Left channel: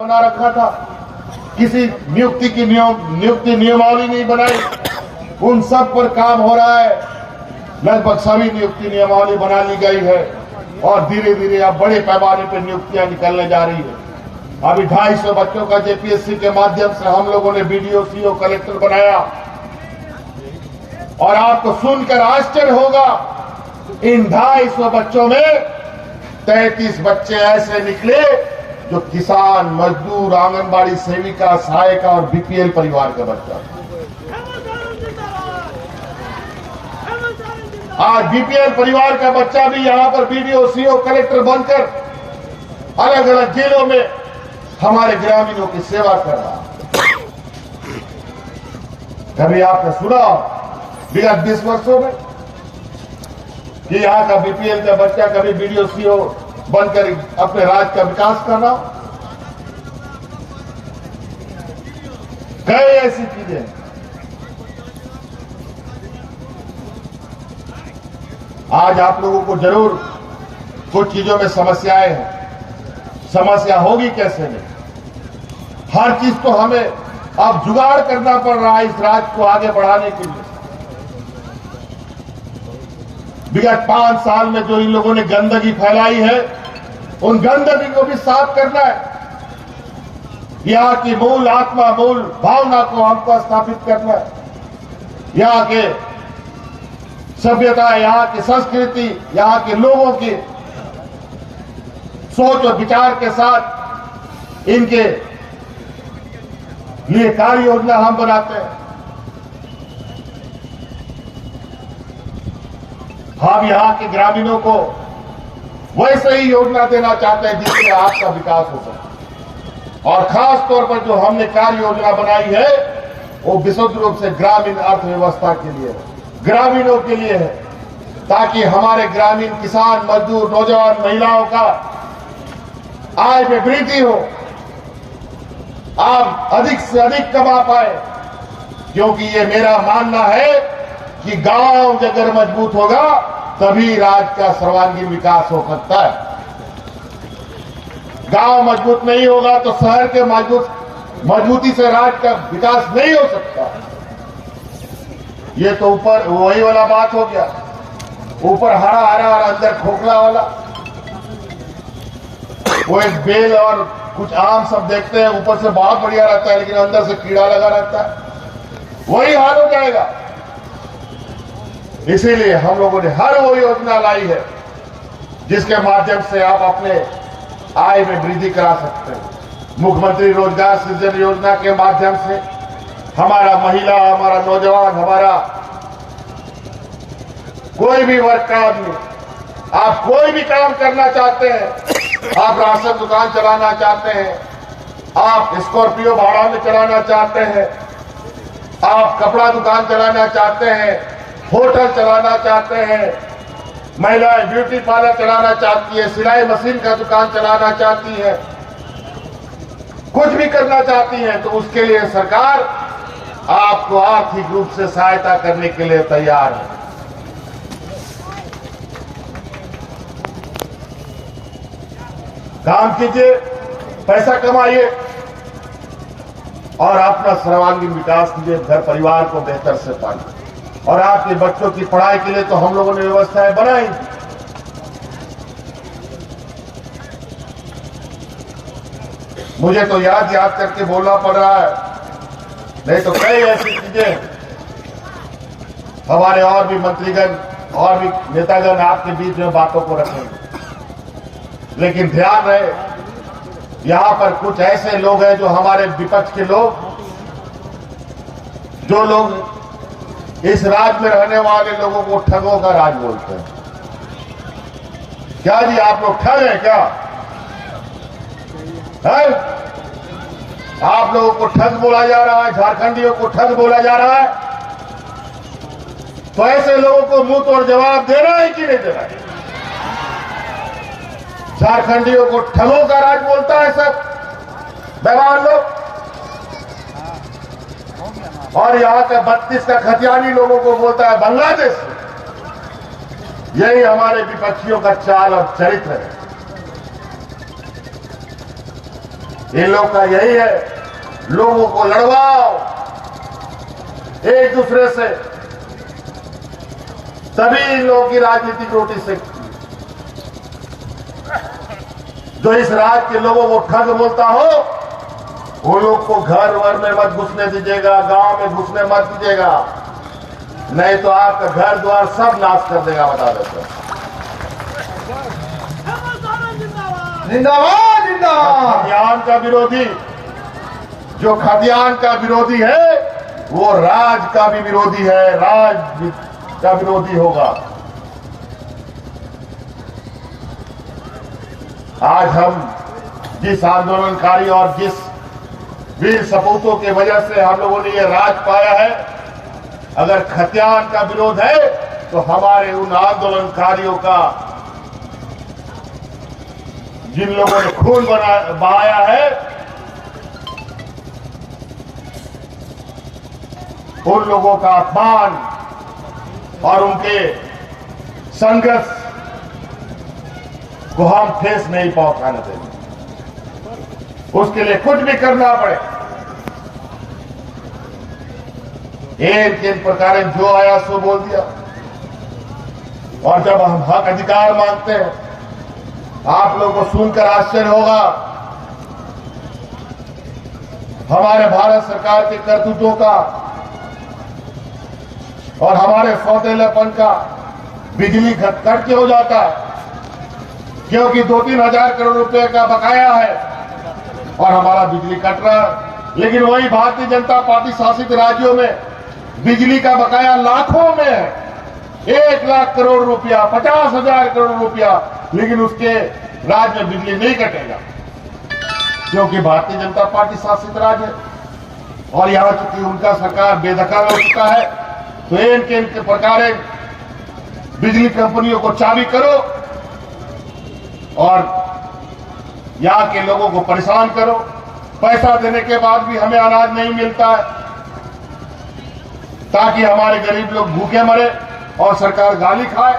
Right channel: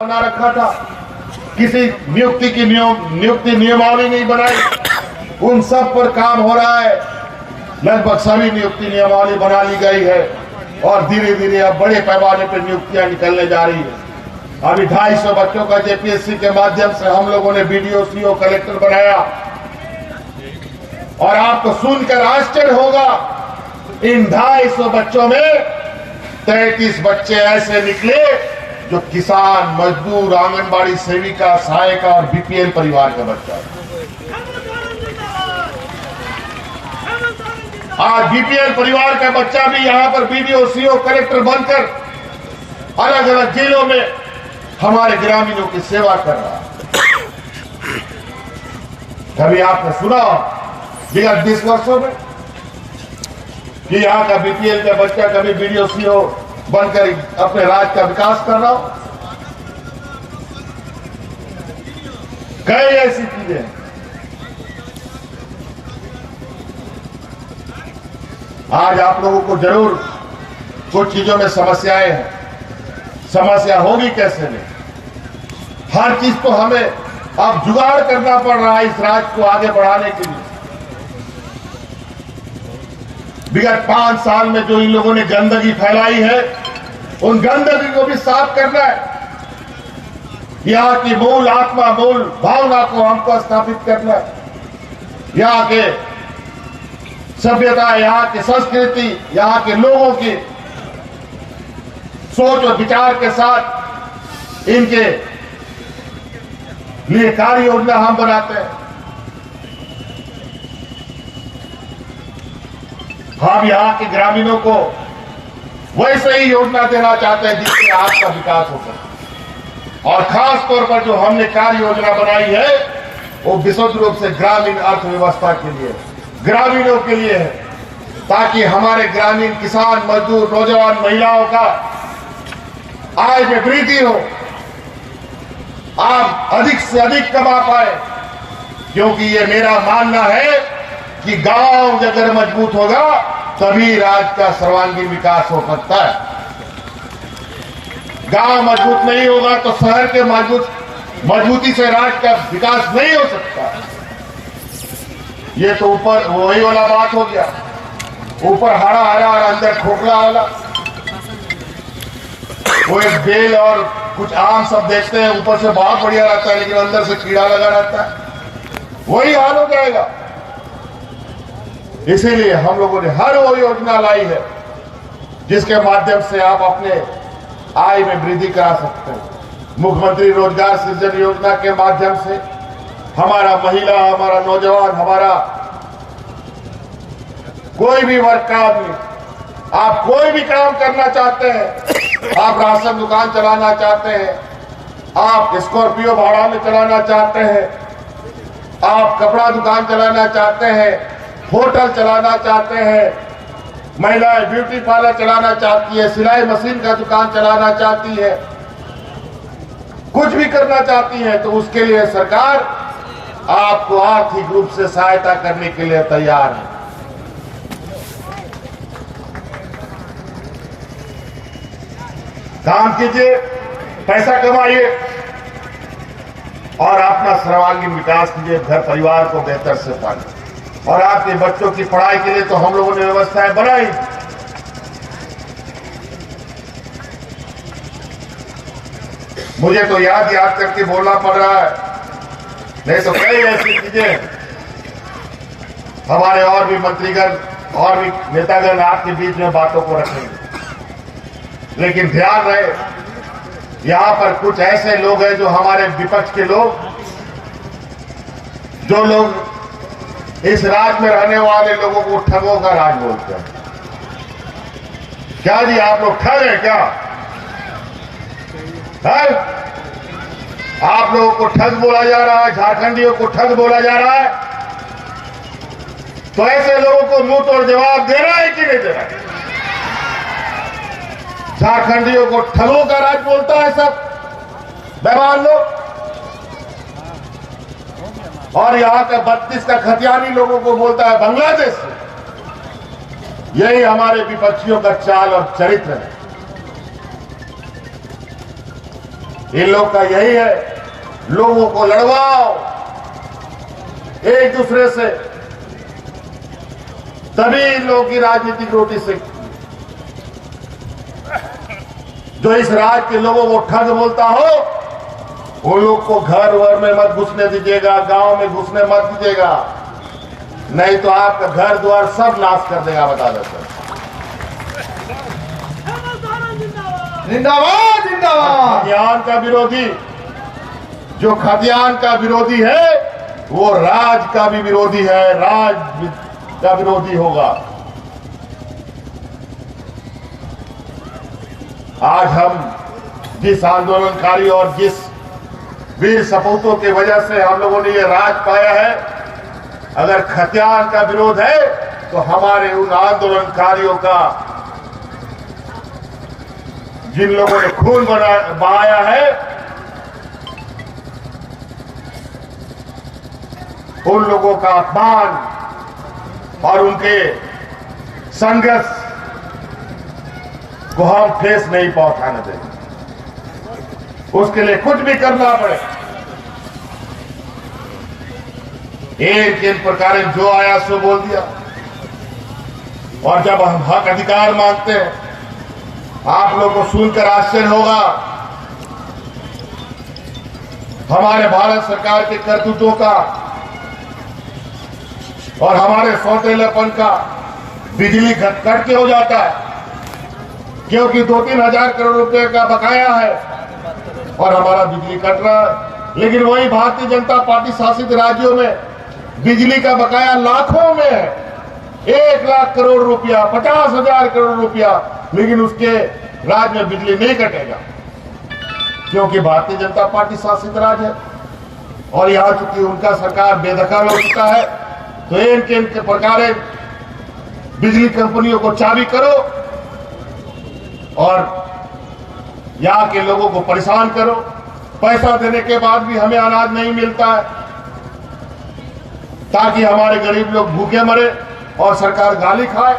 बना रखा था, किसी नियुक्ति की नियमावली नहीं बनाई, उन सब पर काम हो रहा है। लगभग सभी नियुक्ति नियमावली बना ली गई है और धीरे धीरे अब बड़े पैमाने पर नियुक्तियां निकलने जा रही है। अभी 250 बच्चों का जेपीएससी के माध्यम से हम लोगों ने बीडीओ, सीओ, कलेक्टर बनाया और आपको सुनकर आश्चर्य होगा, इन 250 बच्चों में 33 बच्चे ऐसे निकले जो किसान, मजदूर, आंगनबाड़ी सेविका, सहायिका और बीपीएल परिवार का बच्चा। आज बीपीएल परिवार का बच्चा भी यहां पर बीडीओ, सीओ, कलेक्टर बनकर अलग अलग जिलों में हमारे ग्रामीणों की सेवा कर रहा है। कभी आपने सुना विगत 20 वर्षों में कि यहां का बीपीएल का बच्चा कभी बीडीओ, सीओ बनकर अपने राज्य का विकास कर रहा हो? कई ऐसी चीजें आज आप लोगों को जरूर कुछ चीजों में समस्याएं हैं। समस्या होगी कैसे नहीं, हर चीज तो हमें अब जुगाड़ करना पड़ रहा है इस राज्य को आगे बढ़ाने के लिए। विगत 5 साल में जो इन लोगों ने गंदगी फैलाई है, उन गंदगी को भी साफ करना है। यहां की मूल आत्मा, मूल भावना को हमको स्थापित करना है। यहां के सभ्यता, यहां की संस्कृति, यहां के लोगों की सोच और विचार के साथ इनके लिए कार्य योजना हम बनाते हैं। हम यहां के ग्रामीणों को वैसे ही योजना देना चाहते हैं जिससे आपका विकास हो सके। और खास तौर पर जो हमने कार्य योजना बनाई है वो विशुद्ध रूप से ग्रामीण अर्थव्यवस्था के लिए, ग्रामीणों के लिए है, ताकि हमारे ग्रामीण किसान, मजदूर, नौजवान, महिलाओं का आय में वृद्धि हो, आप अधिक से अधिक कमा पाए। क्योंकि ये मेरा मानना है कि गांव अगर मजबूत होगा तभी राज्य का सर्वांगीण विकास हो सकता है। गांव मजबूत नहीं होगा तो शहर के मजबूती से राज्य का विकास नहीं हो सकता। ये तो ऊपर वही वाला बात हो गया, ऊपर हरा हरा और अंदर खोखला वाला। वो एक बेल और कुछ आम सब देखते हैं, ऊपर से बहुत बढ़िया रहता है लेकिन अंदर से कीड़ा लगा रहता है, वही हाल हो जाएगा। इसीलिए हम लोगों ने हर वो योजना लाई है जिसके माध्यम से आप अपने आय में वृद्धि करा सकते हैं। मुख्यमंत्री रोजगार सृजन योजना के माध्यम से हमारा महिला, हमारा नौजवान, हमारा कोई भी वर्ग का आदमी, आप कोई भी काम करना चाहते हैं, आप राशन दुकान चलाना चाहते हैं, आप स्कॉर्पियो भाड़ा में चलाना चाहते हैं, आप कपड़ा दुकान चलाना चाहते हैं, होटल चलाना चाहते हैं, महिलाएं ब्यूटी पार्लर चलाना चाहती है, सिलाई मशीन का दुकान चलाना चाहती है, कुछ भी करना चाहती है, तो उसके लिए सरकार आपको आर्थिक रूप से सहायता करने के लिए तैयार है। काम कीजिए, पैसा कमाइए और अपना सर्वांगीण विकास कीजिए, घर परिवार को बेहतर से पालिए। और आपके बच्चों की पढ़ाई के लिए तो हम लोगों ने व्यवस्थाएं बनाई। मुझे तो याद करके बोलना पड़ रहा है, नहीं तो कई ऐसी चीजें हमारे और भी मंत्रीगण और भी नेतागण आपके बीच में बातों को रखेंगे। लेकिन ध्यान रहे, यहां पर कुछ ऐसे लोग हैं जो हमारे विपक्ष के लोग, जो लोग इस राज्य में रहने वाले लोगों को ठगों का राज बोलते हैं। क्या जी, आप लोग ठग हैं क्या? है? आप लोगों को ठग बोला जा रहा है, झारखंडियों को ठग बोला जा रहा है, तो ऐसे लोगों को मुंह तोड़ जवाब देना है कि नहीं देना है? झारखंडियों को ठगों का राज बोलता है सब बेमान लोग, और यहां का 32 का खतियानी लोगों को बोलता है बांग्लादेश। यही हमारे विपक्षियों का चाल और चरित्र है। इन लोग का यही है, लोगों को लड़वाओ एक दूसरे से, तभी इन लोगों की राजनीतिक रोटी से। जो इस राज्य के लोगों को ठग बोलता हो, उन लोग को घर वर में मत घुसने दीजिएगा, गांव में घुसने मत दीजिएगा, नहीं तो आपका घर द्वार सब नाश कर देगा, बता देते हैं। जिंदाबाद जिंदाबाद। खदियान का विरोधी, जो खदियान का विरोधी है वो राज का भी विरोधी है, राज का विरोधी होगा। आज हम जिस आंदोलनकारी और जिस वीर सपूतों की वजह से हम लोगों ने ये राज पाया है, अगर खतियान का विरोध है तो हमारे उन आंदोलनकारियों का, जिन लोगों ने खून बहाया है, उन लोगों का अपमान और उनके संघर्ष को हम ठेस नहीं पहुंचाने देंगे। उसके लिए कुछ भी करना पड़े। एक प्रकार जो आया सो बोल दिया। और जब हम हक अधिकार मांगते हैं, आप लोगों को सुनकर आश्चर्य होगा, हमारे भारत सरकार के करतूतों का और हमारे सौतेलापन का बिजली कट के हो जाता है, क्योंकि 2-3 हजार करोड़ रुपए का बकाया है और हमारा बिजली कट रहा है। लेकिन वही भारतीय जनता पार्टी शासित राज्यों में बिजली का बकाया लाखों में है, 1 लाख करोड़ रुपया, 50,000 करोड़ रुपया, लेकिन उसके राज्य में बिजली नहीं कटेगा, क्योंकि भारतीय जनता पार्टी शासित राज्य है। और यहां चूंकि उनका सरकार बेदखल हो चुका है, तो इनके प्रकार बिजली कंपनियों को चाबी करो और यहां के लोगों को परेशान करो। पैसा देने के बाद भी हमें अनाज नहीं मिलता है, ताकि हमारे गरीब लोग भूखे मरे और सरकार गाली खाए।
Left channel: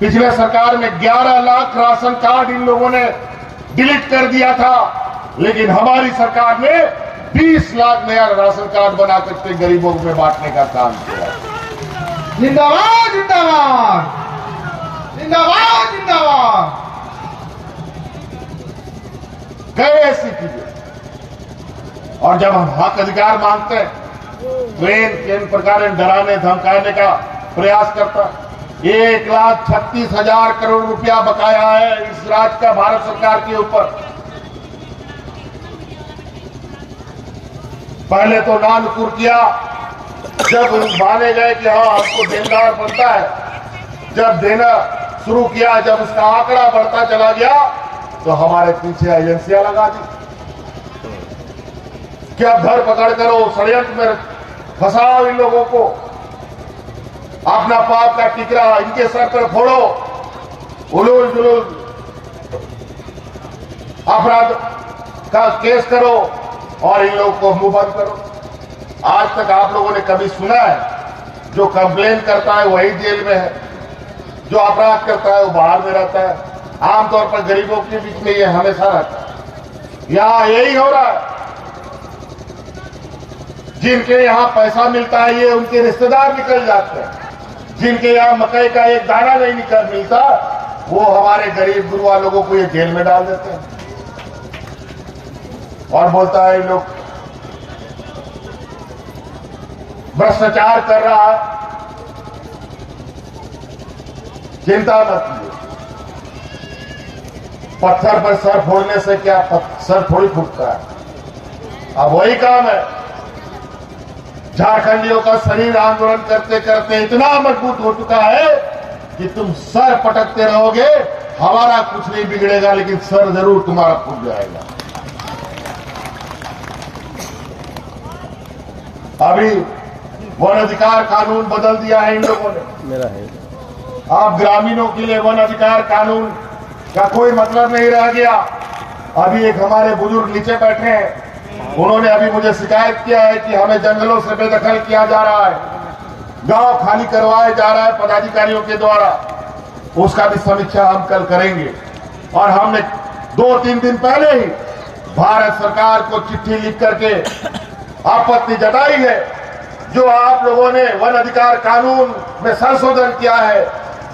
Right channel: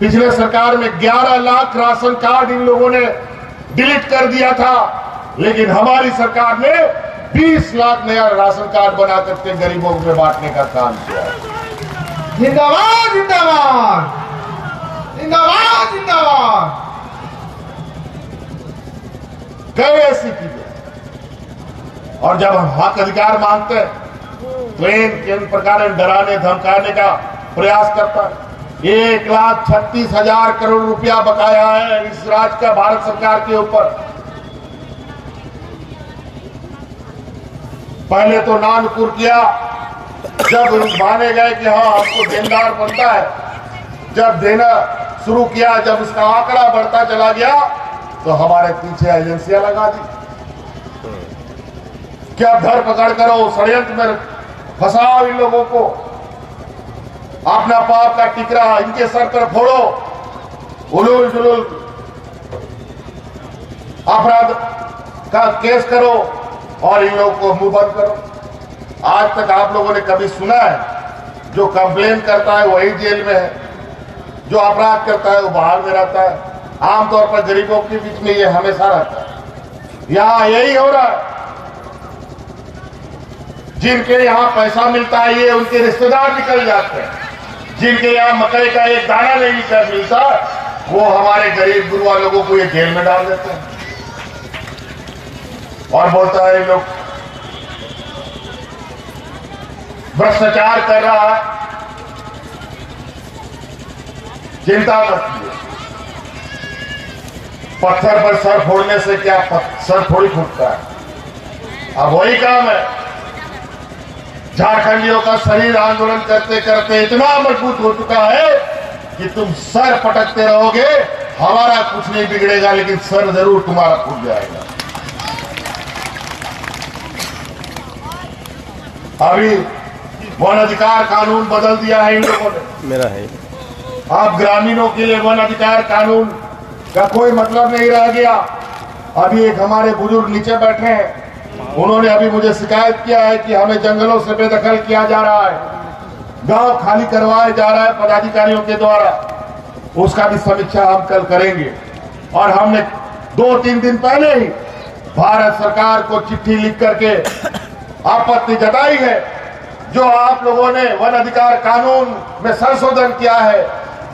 पिछले सरकार में 11 लाख राशन कार्ड इन लोगों ने डिलीट कर दिया था, लेकिन हमारी सरकार ने 20 लाख नया राशन कार्ड बना करके गरीबों में बांटने का काम किया है। जिंदाबाद जिंदाबाद जिंदाबाद जिंदाबाद। गए ऐसी कीजिए। और जब हम हक अधिकार मांगते हैं तो इन प्रकार डराने धमकाने का प्रयास करता है। 1,36,000 करोड़ रुपया बकाया है इस राज्य का भारत सरकार के ऊपर। पहले तो नानुकुर किया, जब माने गए कि हाँ आपको देनदार बनता है, जब देना शुरू किया, जब उसका आंकड़ा बढ़ता चला गया, तो हमारे पीछे एजेंसियां लगा दी। क्या धर पकड़ करो, षड्यंत्र में फंसाओ इन लोगों को, अपना पाप का टिकरा इनके सर पर फोड़ो, उलूल जुलूल अपराध का केस करो और इन लोगों को मुंह बंद करो। आज तक आप लोगों ने कभी सुना है जो कंप्लेन करता है वही जेल में है, जो अपराध करता है वो बाहर में रहता है। आमतौर पर गरीबों के बीच में ये हमेशा रहता है। यहां यही हो रहा है, जिनके यहां पैसा मिलता है ये उनके रिश्तेदार निकल जाते हैं, जिनके यहां मकई का एक दाना नहीं मिलता वो हमारे गरीब गुरुआ लोगों को ये जेल में डाल देते हैं। और बोलता है ये लोग भ्रष्टाचार कर रहा है। चिंता मत कीजिए, पत्थर पर सर फोड़ने से क्या सर थोड़ी फूटता है। अब वही काम है, झारखंडियों का शरीर आंदोलन करते करते इतना मजबूत हो चुका है कि तुम सर पटकते रहोगे, हमारा कुछ नहीं बिगड़ेगा, लेकिन सर जरूर तुम्हारा फूट जाएगा। अभी वन अधिकार कानून बदल दिया है इन लोगों ने, मेरा है। अब ग्रामीणों के लिए वन अधिकार कानून का कोई मतलब नहीं रह गया। अभी एक हमारे बुजुर्ग नीचे बैठे हैं, उन्होंने अभी मुझे शिकायत किया है कि हमें जंगलों से बेदखल किया जा रहा है, गांव खाली करवाया जा रहा है पदाधिकारियों के द्वारा। उसका भी समीक्षा हम कल करेंगे। और हमने 2-3 दिन पहले ही भारत सरकार को चिट्ठी लिख करके आपत्ति जताई है। जो आप लोगों ने वन अधिकार कानून में संशोधन किया है,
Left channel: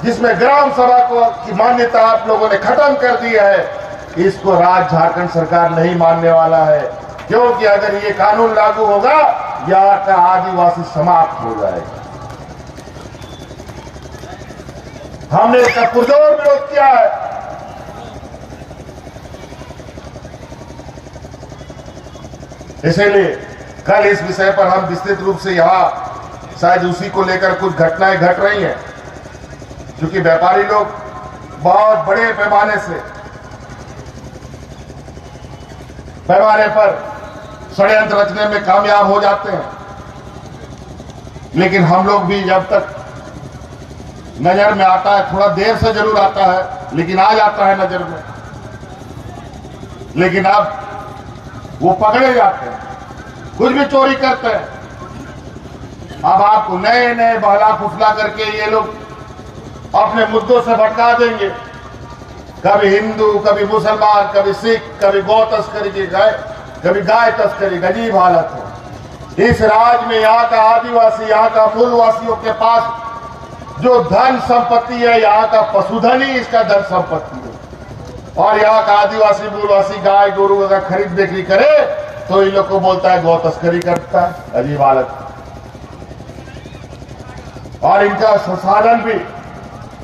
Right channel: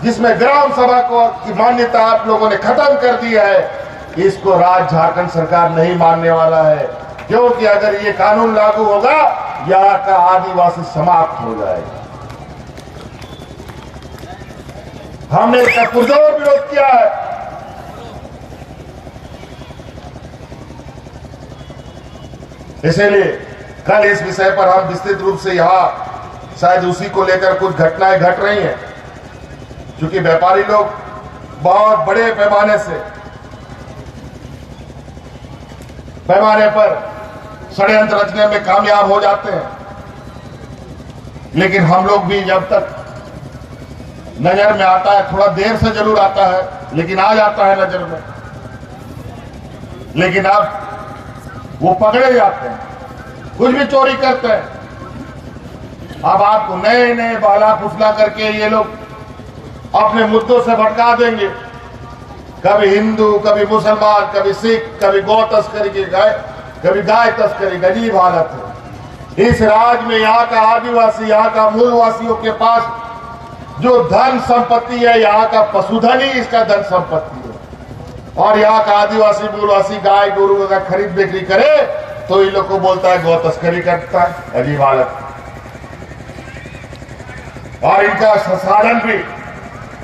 जिसमें ग्राम सभा को की मान्यता आप लोगों ने खत्म कर दी है, इसको राज्य झारखंड सरकार नहीं मानने वाला है, क्योंकि अगर ये कानून लागू होगा यहाँ का आदिवासी समाप्त हो जाएगा। हमने इसका पुरजोर विरोध किया है। इसीलिए कल इस विषय पर हम विस्तृत रूप से यहां शायद उसी को लेकर कुछ घटनाएं घट रही हैं, क्योंकि व्यापारी लोग बहुत बड़े पैमाने पर षड्यंत्र रचने में कामयाब हो जाते हैं। लेकिन हम लोग भी जब तक नजर में आता है, थोड़ा देर से जरूर आता है लेकिन आ जाता है नजर में, लेकिन अब वो पकड़े जाते हैं, कुछ भी चोरी करते हैं। अब आपको नए नए बहला फुसला करके ये लोग अपने मुद्दों से भटका देंगे, कभी हिंदू, कभी मुसलमान, कभी सिख, कभी गौ तस्करी की कभी गाय तस्करी। अजीब हालत है इस राज्य में। यहाँ का आदिवासी, यहाँ का मूलवासियों के पास जो धन संपत्ति है, यहाँ का पशुधन ही इसका धन संपत्ति है। और यहाँ का आदिवासी मूलवासी गाय गोरू अगर खरीद बिक्री करे तो इन लोग को बोलता है गौ तस्करी करता है। अजीब हालत। और इनका संसाधन भी,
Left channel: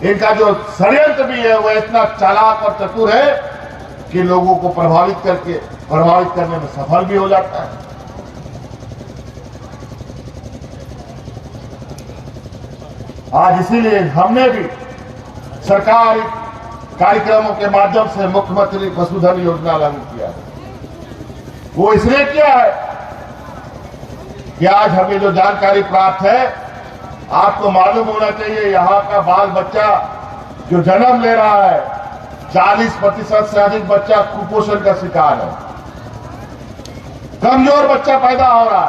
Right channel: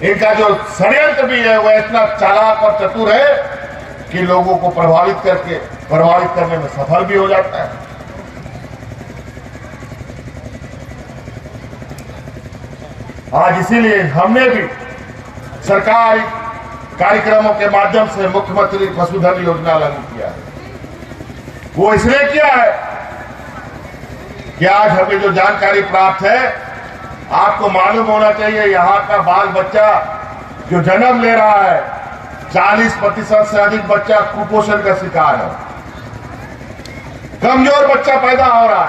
इनका जो षड्यंत्र भी है वो इतना चालाक और चतुर है कि लोगों को प्रभावित करने में सफल भी हो जाता है। आज इसीलिए हमने भी सरकारी कार्यक्रमों के माध्यम से मुख्यमंत्री पशुधन योजना लागू किया है। वो इसलिए किया है कि आज हमें जो जानकारी प्राप्त है, आपको मालूम होना चाहिए, यहाँ का बाल बच्चा जो जन्म ले रहा है, 40% से अधिक बच्चा कुपोषण का शिकार है। कमजोर बच्चा पैदा हो रहा है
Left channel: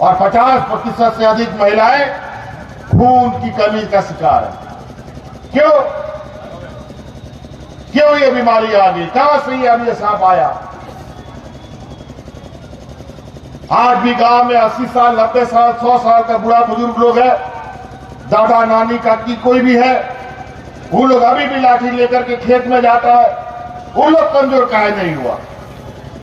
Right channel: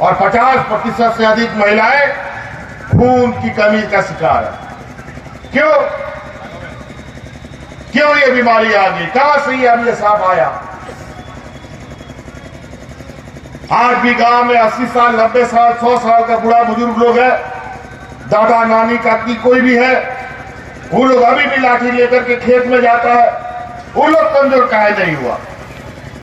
और 50% से अधिक महिलाएं खून की कमी का शिकार है। क्यों ये बीमारी आ गई? कहां से ये सांप आया? आज भी गांव में 80 साल, 90 साल, 100 साल का बुढ़ा बुजुर्ग लोग है, दादा नानी काकी कोई भी है, वो लोग अभी भी लाठी लेकर के खेत में जाता है। वो लोग कमजोर काहे नहीं हुआ?